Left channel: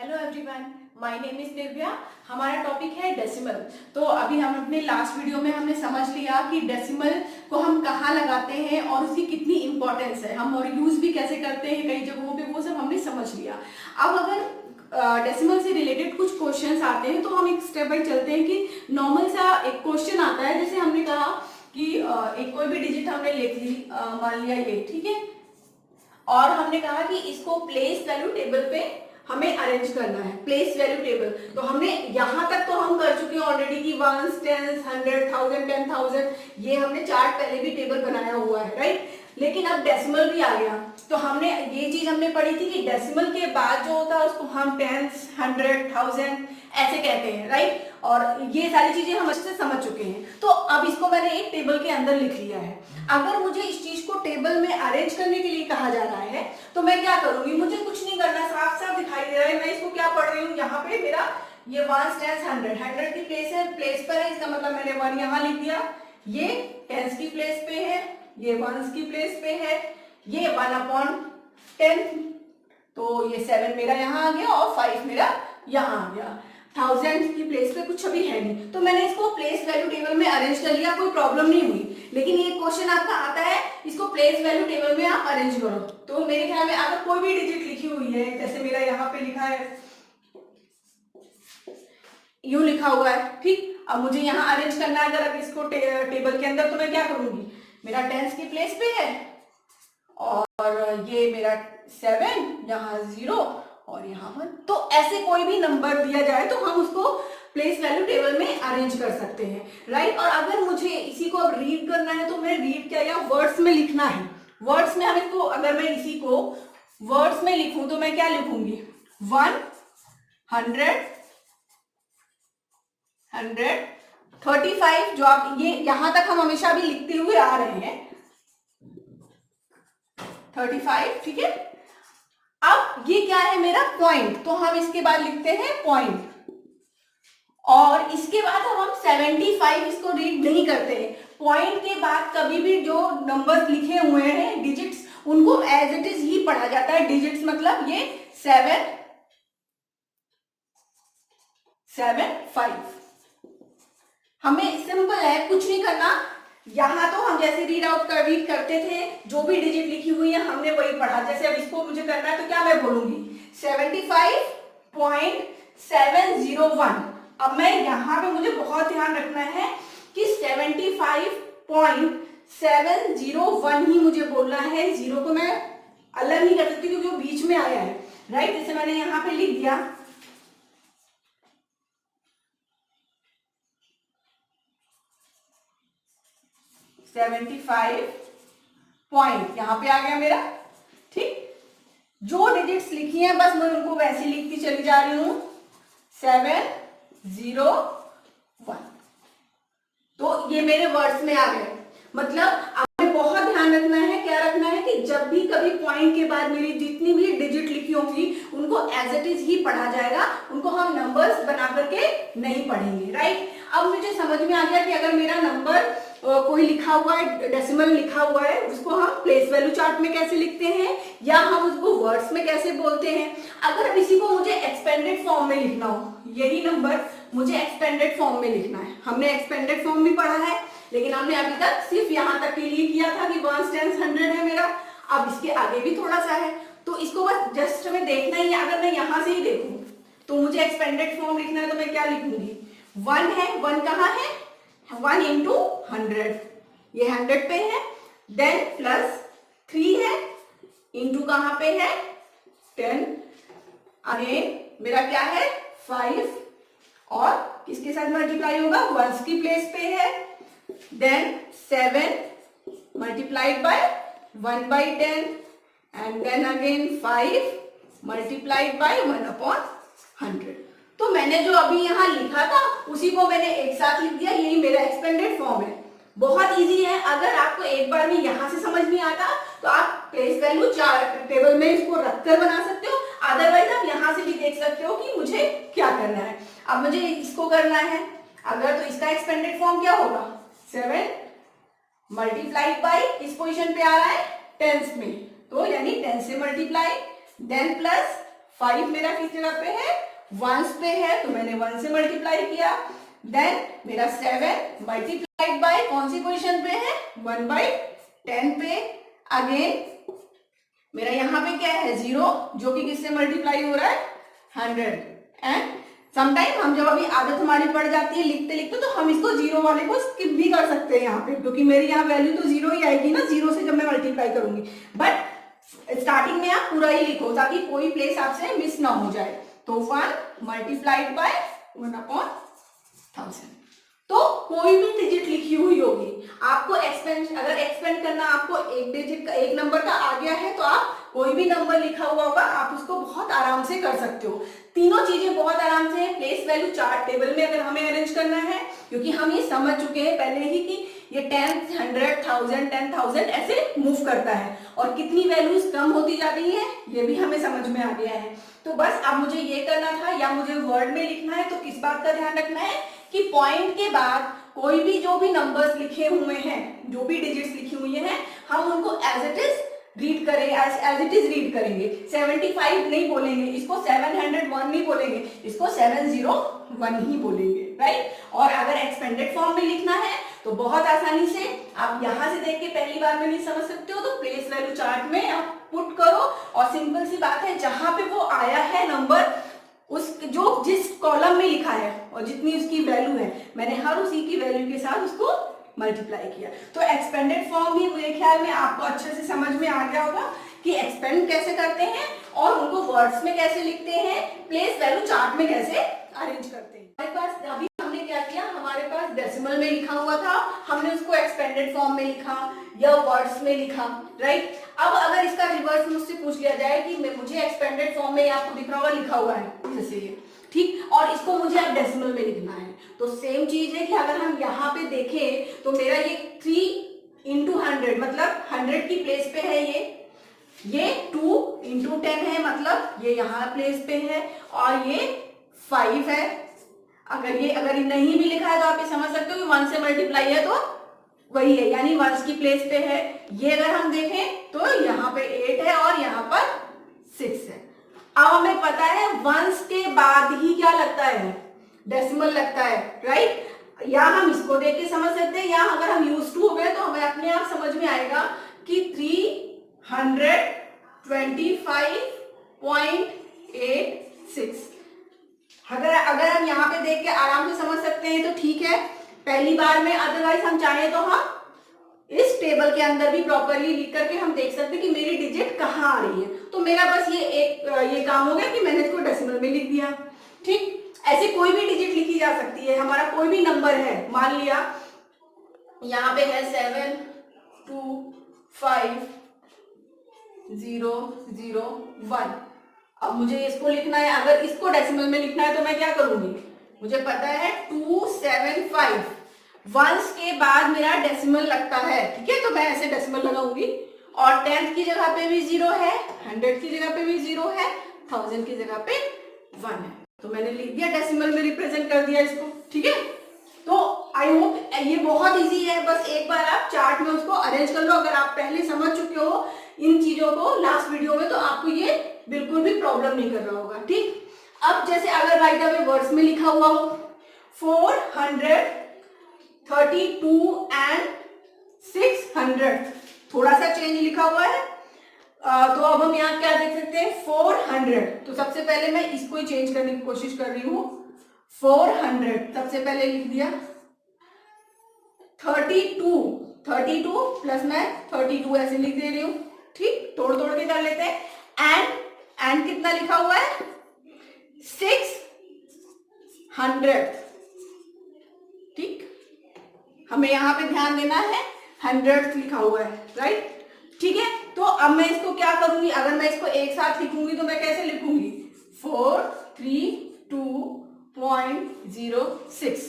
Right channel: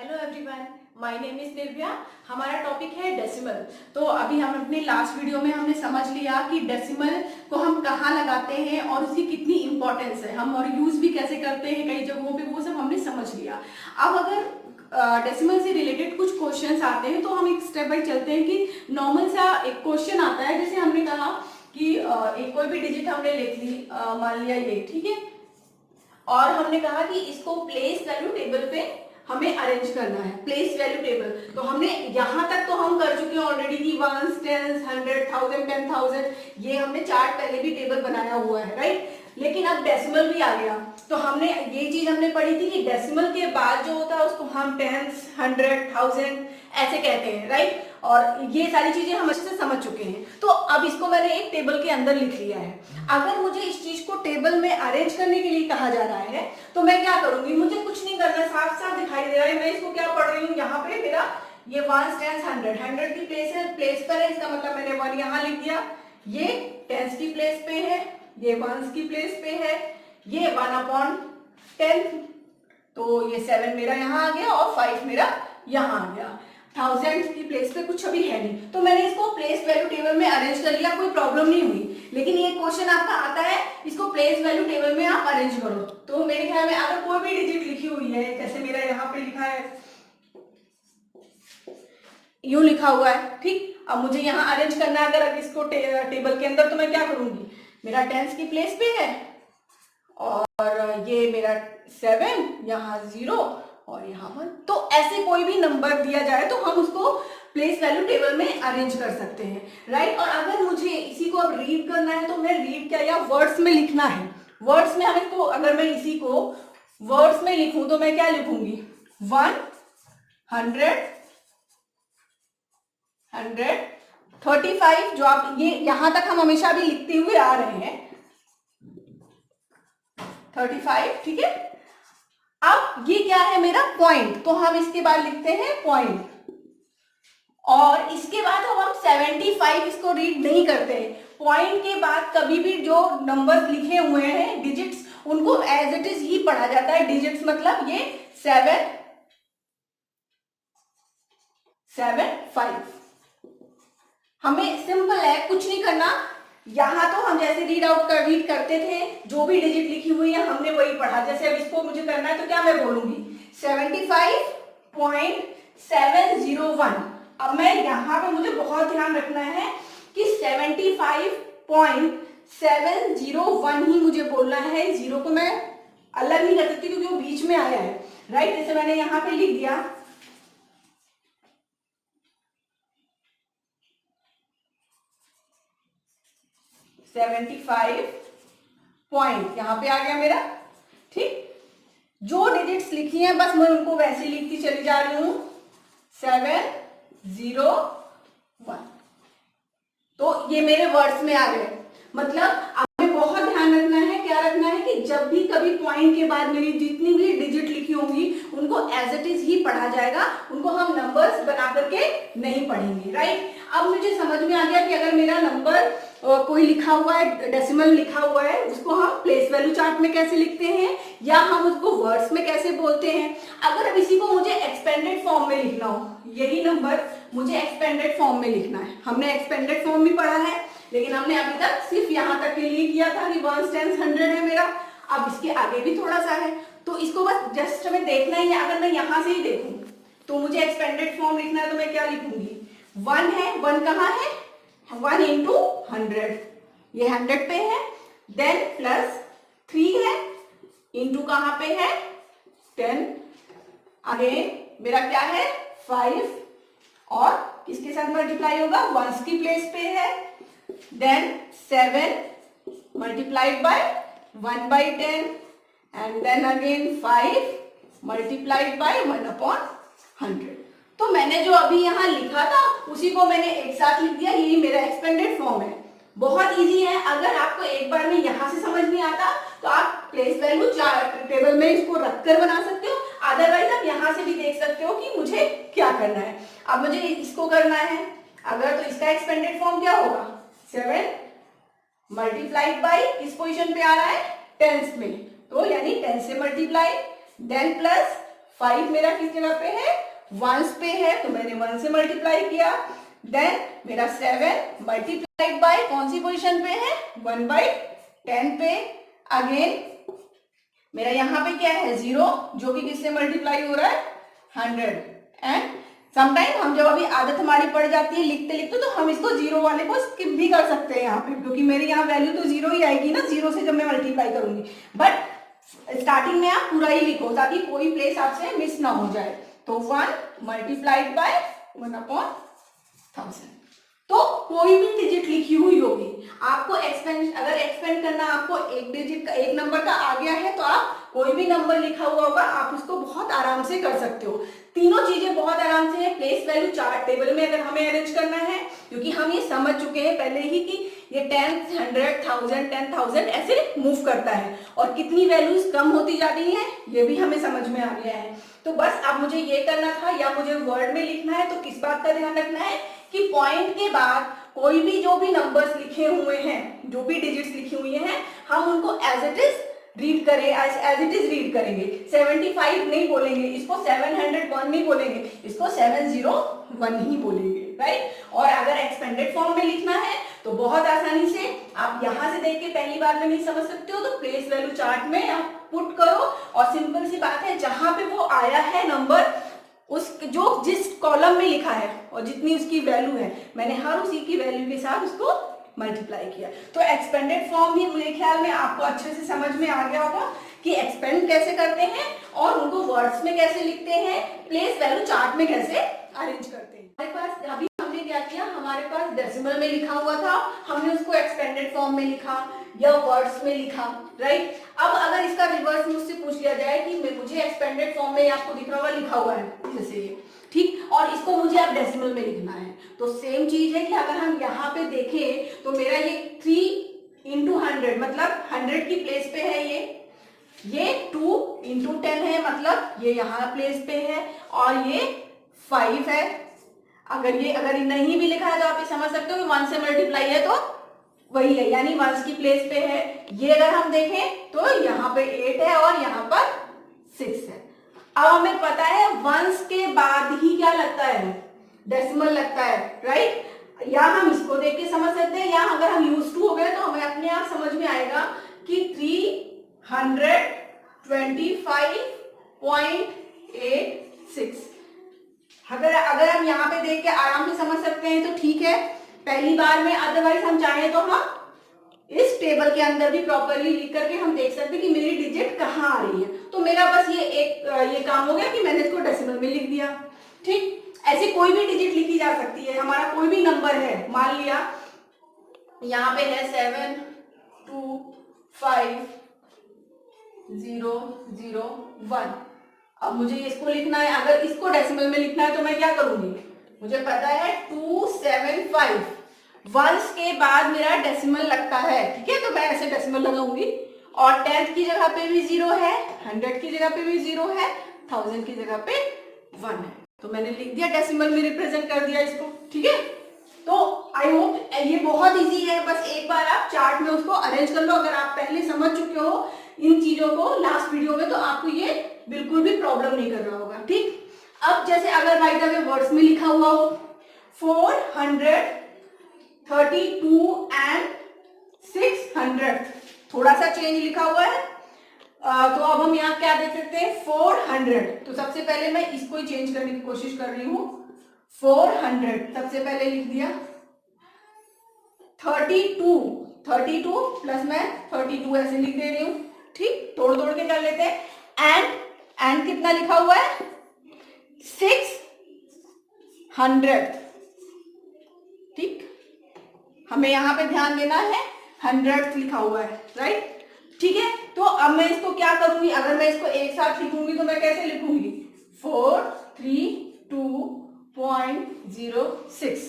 Hello everyone, my name is Nirbhaya. हमारा topic है decimal. तो अभी हम अपने लास्ट वीडियो में हमने समझ लिया कि डेसिमल को हम कहाँ लगाते हैं और उसकी कितनी इंपॉर्टेंस है, हम और यूज भी कैसे करते हैं कई जगहों पे, वो सब हमने समझ लिया। अब अगर डेसिमल से रिलेटेड कुछ क्वेश्चंस आते हैं तो हम एक स्टेप बाय चलते हैं कि नॉर्मल सा एक क्वेश्चन आता है, जैसे हमने कहा कि एक कोई भी डिजिट हमने लिख ली, मान लिया ये, ठीक है, और हमने कहा कि इसको प्लेस वैल्यू टेबल पे हमें अरेंज करना है। प्लेस वैल्यू टेबल तो हमने यहां तक तो हम कर चुके हैं ऑलरेडी कि वंस, टेंस, 100, 1000, 10,000, ये हमने चार्ट पहले भी टेबल बनाया हुआ है, राइट। लेकिन अब डेसिमल भी आ गया, तो हमने ये चीज हमने पढ़ी थी कि डेसिमल के बाद जो होता है उसको हम टेंस, 100, 1000 ऐसे कहते हैं, राइट। और ये सारी चीजें हम अच्छे से समझ चुके हैं। तो अब इसको मैंने एक टेबल के अंदर लिख लिया है। अगर मुझे इस चीज को टेबल में अरेंज करने के लिए कहा जा रहा है तो मैं क्या करूंगी, मुझे कुछ नहीं करना, साफ साफ दिखाई दे रहा है। मैं इसको क्या पढ़ रही हूँ, यहाँ पे मेरा ये वंस, टेंस, 100, 100 की प्लेस है, प्लेस पर है, इसका मतलब मैंने 1 यहाँ लिख दिया। ये टेंस की प्लेस पे है, ये वंस की प्लेस पे है, ये 1/10, तो ये 7 मेरा यहाँ आ गया और 5 मेरा यहाँ आ गया। 1000 की प्लेस पे कुछ अभी है नहीं, तो मैंने इसको प्लेस वैल्यू टेबल में अरेंज कर लिया, कोई प्रॉब्लम नहीं हुई। लेकिन ये क्वेश्चन आपका आता है, इसको प्लेस वैल्यू टेबल में आप अरेंज करो। तो मेरे ख्याल में अगर कोई भी डिजिट लिखी हुई है, जैसे मेरा यहाँ पे लिखा है, यूं लिखा हुआ है, ठीक। अब मुझे यहाँ अरेंज करना है अगर इसको टेबल के अंदर, तो मैं क्या करूंगी, मेरा टेंस की प्लेस पे है और ये मेरा 7, यहाँ 0 और यहाँ 1। तो ऐसे कोई भी नंबर दिया जाए तो हम उसको प्लेस वैल्यू टेबल में अरेंज कर सकते हैं, राइट। और अगर मुझे इसी को अब रीड करना है तो मैं रीड क्या, या वर्ड्स में लिखना है, वर्ड्स में हमें को, अगर मैं इसी को वर्ड्स में लिखूं तो मैं क्या लिखूंगी, 135, जो आप ये यहां तक हम हमेशा भी लिखते हुए आ रहे हैं, 35, ठीक है। अब ये क्या है, मेरा पॉइंट, तो हम इसके बाद लिखते हैं पॉइंट। और इसके बाद अब हम 75 इसको रीड नहीं करते हैं। पॉइंट के बाद कभी भी जो नंबर्स लिखे हुए हैं, डिजिट्स, उनको एज इट इज ही पढ़ा जाता है। डिजिट्स मतलब ये 7, 7, 5। हमें सिंपल है, कुछ नहीं करना। यहां तो हम जैसे रीड करते थे, जो भी डिजिट लिखी हुई है हमने वही पढ़ा। जैसे अब इसको मुझे करना है तो क्या मैं बोलूंगी, 75.701। अब मैं यहाँ पे मुझे बहुत ध्यान रखना है कि 75.701 ही मुझे बोलना है। जीरो को मैं अलग नहीं कर सकती क्योंकि वो बीच में आया है, राइट। जैसे मैंने यहाँ पे लिख दिया 75 पॉइंट, यहां पे आ गया मेरा, ठीक। जो डिजिट्स लिखी हैं बस मैं उनको वैसे लिखती चली जा रही हूं, 701। तो ये मेरे वर्ड्स में आ गए। मतलब हमें बहुत ध्यान रखना है, क्या रखना है कि जब भी कभी पॉइंट के बाद मेरी जितनी भी डिजिट लिखी होंगी उनको एज इट इज ही पढ़ा जाएगा, उनको हम नंबर्स बना करके नहीं पढ़ेंगे, राइट। अब मुझे समझ में आ गया कि अगर मेरा नंबर कोई लिखा हुआ है, डेसिमल लिखा हुआ है, उसको हम प्लेस वैल्यू चार्ट में कैसे लिखते हैं या हम उसको वर्ड्स में कैसे बोलते हैं। अगर अब इसी को मुझे एक्सपेंडेड फॉर्म में लिखना हो, यही नंबर मुझे एक्सपेंडेड फॉर्म में लिखना है, हमने एक्सपेंडेड फॉर्म भी पढ़ा है, लेकिन हमने अभी तक सिर्फ यहां तक के लिए किया था कि वंस, टेंस, 100 है मेरा। अब इसके आगे भी थोड़ा सा है, तो इसको बस जस्ट हमें देखना ही है। अगर मैं यहां से ही देखूं तो मुझे एक्सपेंडेड फॉर्म लिखना है, तो मैं क्या लिखूंगी, 1 है, 1 कहाँ है, 1 into 100, ये 100 पे है। देन प्लस 3 है, इंटू कहां पे है, 10। अगेन मेरा क्या है, 5, और किसके साथ मल्टीप्लाई होगा, वंस की प्लेस पे है। Then 7 multiplied by 1/10, and then again 5 multiplied by 1/100। तो मैंने जो अभी यहाँ लिखा था उसी को मैंने एक साथ लिख दिया, यही मेरा एक्सपेंडेड फॉर्म है। बहुत इजी है। अगर आपको एक बार में यहां से समझ नहीं आता तो आप प्लेस वैल्यू चार्ट टेबल में इसको रखकर बना सकते हो, अदरवाइज आप यहां से भी देख सकते हो कि मुझे क्या करना है। अब मुझे इसको करना है, अगर तो इसका एक्सपेंडेड फॉर्म क्या होगा, 7 मल्टीप्लाइड बाई किस पोजिशन पे आ रहा है, टेंस में, तो यानी 10 से मल्टीप्लाई, देन प्लस 5 मेरा किस जगह पे है, वंस पे है, तो मैंने 1 से मल्टीप्लाई किया। देन मेरा 7 मल्टीप्लाइड बाय कौन सी पोजीशन पे है, 1/10 पे। अगेन मेरा यहाँ पे क्या है, 0, जो कि किससे मल्टीप्लाई हो रहा है, 100। एंड समटाइम हम जब अभी आदत हमारी पड़ जाती है लिखते लिखते, तो हम इसको 0 वाले को स्किप भी कर सकते हैं यहाँ पे, क्योंकि मेरी यहाँ वैल्यू तो 0 ही आएगी ना, 0 से जब मैं मल्टीप्लाई करूंगी। बट स्टार्टिंग में आप पूरा ही लिखो ताकि कोई प्लेस आपसे मिस ना हो जाए। तो 1 मल्टीप्लाइड बाय 1/1000। तो कोई भी डिजिट लिखी हुई होगी, आपको एक्सपेंड, अगर एक्सपेंड करना आपको एक डिजिट का, एक नंबर का आ गया है, तो आप कोई भी नंबर लिखा हुआ होगा आप उसको बहुत आराम से कर सकते हो। तीनों चीजें बहुत आराम से प्लेस वैल्यू चार्ट टेबल में अगर हमें अरेंज करना है, क्योंकि हम ये समझ चुके हैं पहले ही कि ये 10, 100, 1000, 10,000 ऐसे मूव करता है, और कितनी वैल्यूज कम होती जाती है ये भी हमें समझ में आ गया है। तो बस अब मुझे ये करना था, या मुझे वर्ड में लिखना है, तो किस बात का ध्यान रखना है कि पॉइंट के बाद कोई भी जो भी नंबर्स लिखे हुए हैं, जो भी डिजिट्स लिखी हुई हैं, हम उनको एज इट इज रीड करें, एज इट इज रीड करेंगे। 75 नहीं बोलेंगे, इसको 701 नहीं बोलेंगे, इसको 701 ही बोलेंगे, राइट। और अगर एक्सपेंडेड फॉर्म में लिखना है तो बहुत आसानी से आप यहां से देख के पहली बार में नहीं समझ सकते हो, तो प्लेस वैल्यू चार्ट में आप पुट करो, और सिंपल सी बात है, जहां पे वो आया है नंबर, उस जो जिस कॉलम में लिखा है और जितनी उसकी वैल्यू है, मैंने हर उसी की वैल्यू के साथ उसको मल्टीप्लाई किया। तो एक्सपेंडेड फॉर्म भी मेरे ख्याल में आपको अच्छे से समझ में आ गया होगा कि एक्सपेंड कैसे करते हैं और उनको वर्ड्स में कैसे लिखते हैं, प्लेस वैल्यू चार्ट में कैसे अरेंज करते हैं। हमारे पास अभी हमने क्या किया, हमारे पास डेसिमल में लिखा हुआ था, हमने उसको एक्सपेंडेड फॉर्म में लिखा या वर्ड्स में लिखा, राइट। अब अगर इसका रिवर्स मुझसे पूछ लिया जाए कि मुझे एक्सपेंडेड फॉर्म में, आपको दिख रहा होगा लिखा हुआ है जैसे ये, ठीक, और इसको मुझे अब डेसिमल में लिखना है, तो सेम चीज है कि अगर हम यहाँ पे देखें तो मेरा ये 3 into 100 मतलब 100 की प्लेस पे है, ये 2 into 10 है, मतलब ये यहाँ प्लेस पे है, और ये 5 है। अगर ये नहीं भी लिखा है तो आप ये समझ सकते हो 1 से मल्टीप्लाई है तो वही है, यानी 1 की प्लेस पे है। ये अगर हम देखें तो यहाँ पे 8 है और यहाँ पर 6 है। अब हमें पता है 1 के बाद ही क्या लगता है, डेसिमल लगता है, राइट। या हम इसको देख के समझ सकते हैं, या अगर हम यूज टू हो गए तो हमें अपने आप समझ में आएगा कि 325.86। अगर हम यहाँ पे देख के आराम से समझ सकते हैं तो ठीक है पहली बार में, अदरवाइज हम चाहें तो हम इस टेबल के अंदर भी प्रॉपरली लिख करके हम देख सकते हैं कि मेरी डिजिट कहाँ आ रही है। तो मेरा बस ये काम हो गया कि मैंने इसको डेसिमल में लिख दिया, ठीक। ऐसे कोई भी डिजिट लिखी जा सकती है, हमारा कोई भी नंबर है, मान लिया यहाँ पे है 725.001। अब मुझे इसको लिखना है, अगर इसको डेसिमल में लिखना है तो मैं क्या करूंगी, मुझे पता है 275 वंस के बाद मेरा डेसिमल लगता है, ठीक है, तो मैं ऐसे डेसिमल लगाऊंगी, और 10th की जगह पे भी 0 है, 100 की जगह पे भी 0 है, 1000 की जगह पे 1 है, तो मैंने लिख दिया डेसिमल में रिप्रेजेंट कर दिया इसको, ठीक है। तो आई होप ये बहुत इजी है, बस एक बार आप चार्ट में उसको अरेंज कर लो। अगर आप पहले समझ चुके हो इन चीजों को लास्ट वीडियो में, तो आपको ये बिल्कुल भी प्रॉब्लम नहीं कर रहा होगा, ठीक। अब जैसे अगर बाय द वे वर्ड्स में लिखा हुआ हो 432 एंड 600, थोड़ा सा चेंज लिखा हुआ है, तो अब हम यहाँ क्या देख सकते हैं 400। तो सबसे पहले मैं इसको ही चेंज करने की कोशिश कर रही हूँ, 400 सबसे पहले लिख दिया, 32 प्लस मैं 32 ऐसे लिख दे रही हूँ, ठीक, तोड़ तोड़ के कर लेते हैं। एंड कितना लिखा हुआ है 600, ठीक, हमें यहाँ पे ध्यान देना है 100 लिखा हुआ है, राइट, ठीक है। तो अब मैं इसको क्या करूंगी, अगर मैं इसको एक साथ लिखूंगी तो मैं कैसे लिखूंगी 432.06,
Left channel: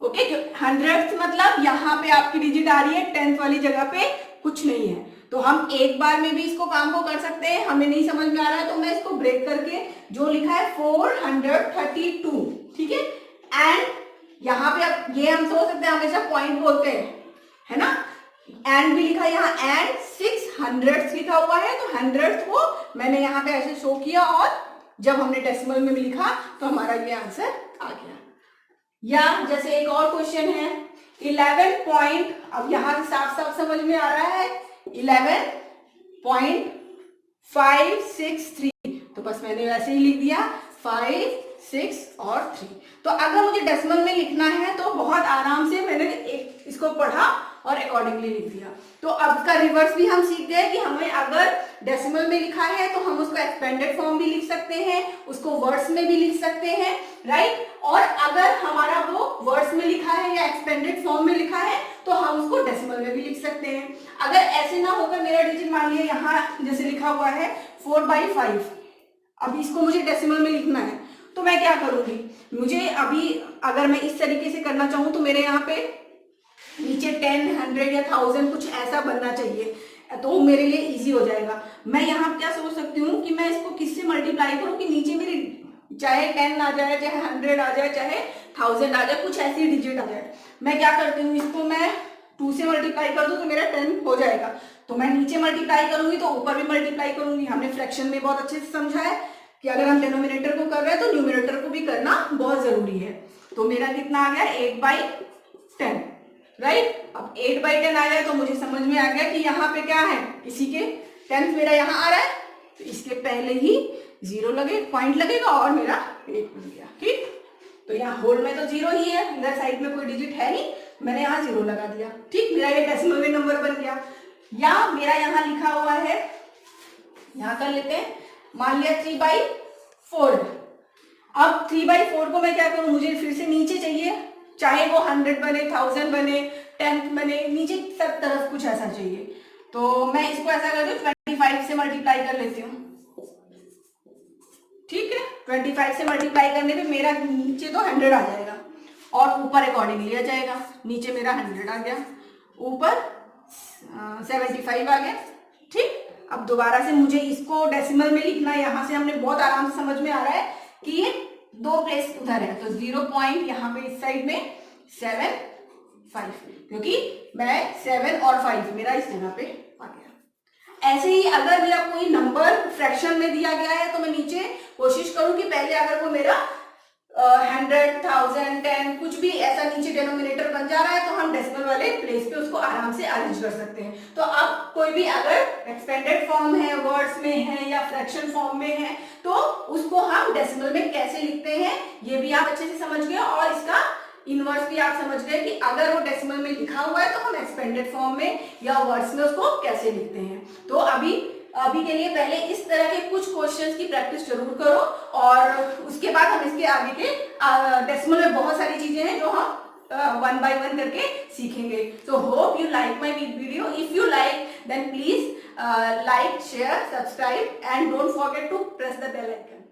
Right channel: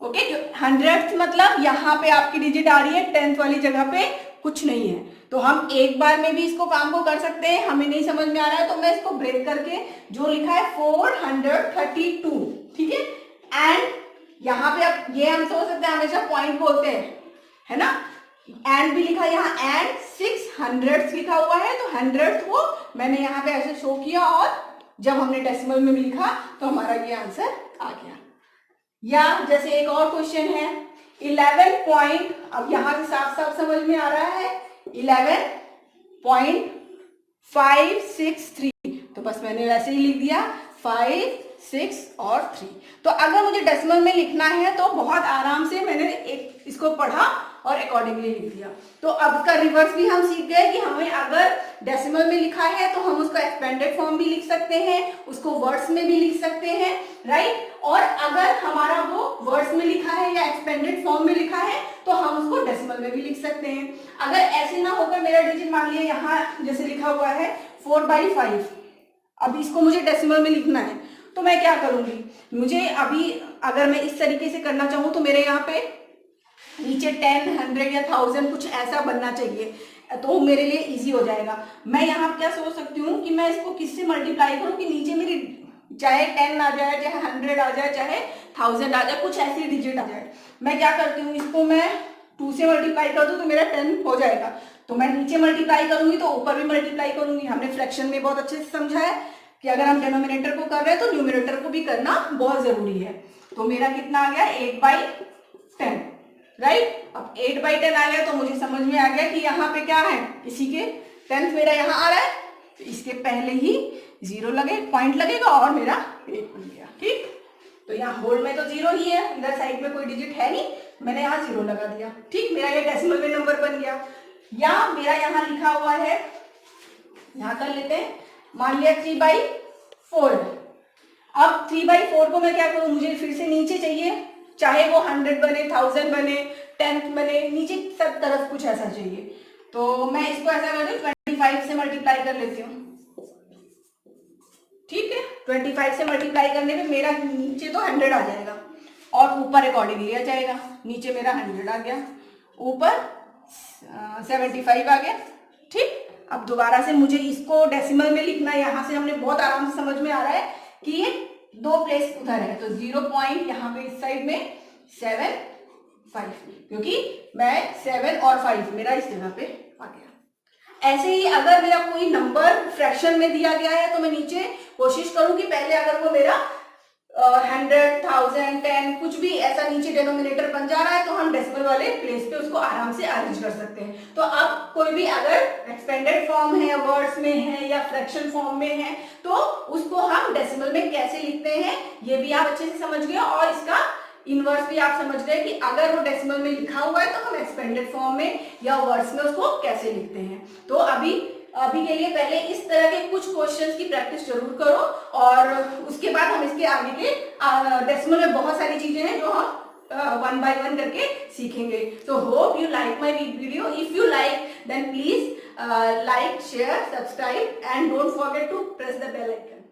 ओके। 100 मतलब यहाँ पे आपकी डिजिट आ रही है, 10th वाली जगह पे कुछ नहीं है, तो हम एक बार में भी इसको काम को कर सकते हैं। हमें नहीं समझ में आ रहा है तो मैं इसको ब्रेक करके जो लिखा है 432, ठीक है। एंड यहाँ पे अब ये हम सोच सकते हैं, हमेशा पॉइंट बोलते हैं, है ना, एंड भी लिखा है यहाँ, एंड 600 लिखा हुआ है, तो 100 को मैंने यहाँ पे ऐसे शो किया और जब हमने डेसिमल में लिखा तो हमारा ये आंसर आ गया। या जैसे एक और क्वेश्चन है 11 पॉइंट, अब यहां से साफ साफ समझ में आ रहा है 11.563, तो बस मैंने वैसे ही लिख दिया 5, 6 और 3। तो अगर मुझे डेसिमल में लिखना है तो बहुत आराम से मैंने एक इसको पढ़ा और अकॉर्डिंगली लिख दिया। तो अब इसका रिवर्स भी हम सीख गए कि हमें अगर डेसिमल में लिखा है तो हम उसको एक्सपेंडेड फॉर्म भी लिख सकते हैं, उसको वर्ड्स में भी लिख सकते हैं, राइट। और अगर हमारा वो वर्ड्स में लिखा है या एक्सपेंडेड फॉर्म में लिखा है तो हम उसको डेसिमल में भी लिख सकते हैं। अगर ऐसे ना होकर मेरा डिजिट मान लिया यहाँ जैसे लिखा हुआ है 4/5, अब इसको मुझे डेसिमल में लिखना है तो मैं क्या करूंगी, मुझे अभी अगर मैं इस तरीके से करना चाहूँ तो मेरे यहाँ पे नीचे 10, 100 या 1000 कुछ ऐसा बनना चाहिए, तो मेरे लिए इजी हो जाएगा। मैं यहाँ क्या सोच सकती हूँ कि मैं इसको किससे मल्टीप्लाई करूँ कि नीचे मेरी चाहे 10 आ जाए, चाहे 100 आ जाए, चाहे 1000 आ जाए, कुछ ऐसी डिजिट आ जाए। मैं क्या करती हूँ, इसको मैं 2 से मल्टीप्लाई कर दूँ तो मेरा 10 हो जाएगा। तो मैं नीचे मल्टीप्लाई करूंगी तो ऊपर भी मल्टीप्लाई करूंगी। हमने फ्रैक्शन में बहुत अच्छे से समझा है कि अगर हम डिनोमिनेटर को कर रहे हैं तो न्यूमरेटर को भी करना बहुत जरूरी है। तो मेरा कितना आ गया 8/10, राइट। अब 8/10 आ गया तो मुझे समझ में आ गया कि यहाँ पे क्या है, इसी के 10 मेरा यहाँ आ रहा है तो इसके पहले ही 0 लगे, पॉइंट लगेगा और मेरा 8 बन गया, ठीक। तो यहाँ होल में तो 0 ही है, अंदर साइड में कोई डिजिट है नहीं, मैंने यहाँ 0 लगा दिया, ठीक। मेरा ये डेसिमल में नंबर बन गया। या मेरा यहाँ लिखा हुआ है, यहाँ कर लेते हैं, मान लिया 3/4 है। अब 3/4 को मैं क्या करूं, मुझे फिर से नीचे चाहिए, चाहे वो 100 बने, 1000 बने, 10 बने, नीचे सब तरफ कुछ ऐसा चाहिए। तो मैं इसको ऐसा कर दूं 25 से मल्टीप्लाई कर लेती हूँ, ठीक है। 25 से मल्टीप्लाई करने पे मेरा नीचे तो 100 आ जाएगा और ऊपर अकॉर्डिंगली आ जाएगा। नीचे मेरा 100 आ गया, ऊपर 75 आ गया, ठीक। अब दोबारा से मुझे इसको डेसिमल में लिखना है, यहाँ से हमने बहुत आराम से समझ में आ रहा है कि ये 2 प्लेस उधर है तो 0 पॉइंट यहाँ पे इस साइड में 7, 5, क्योंकि मैं 7 और 5 मेरा इस जगह पे आ गया। ऐसे ही अगर मेरा कोई नंबर फ्रैक्शन में दिया गया है तो मैं नीचे कोशिश करूं कि पहले अगर वो मेरा 100, 1000, 10 कुछ भी ऐसा नीचे डिनोमिनेटर बन जा रहा है तो हम डेसिमल वाले प्लेस पे उसको आराम से अरेंज कर सकते हैं। तो आप कोई भी अगर एक्सपेंडेड फॉर्म है, वर्ड्स में है या फ्रैक्शन फॉर्म में है तो उसको हम डेसिमल में कैसे लिखते हैं ये भी आप अच्छे से समझ गए और इसका इनवर्स भी आप समझ गए कि अगर वो डेसिमल में लिखा हुआ है तो हम एक्सपेंडेड फॉर्म में या वर्ड्स में उसको कैसे लिखते हैं। तो अभी के लिए पहले इस तरह के कुछ क्वेश्चंस की प्रैक्टिस जरूर करो और उसके बाद हम इसके आगे के डेसिमल में बहुत सारी चीजें हैं जो हम 1 by 1 करके सीखेंगे। तो hope you like my video. If you like then please like, share, subscribe and don't forget to press the bell icon.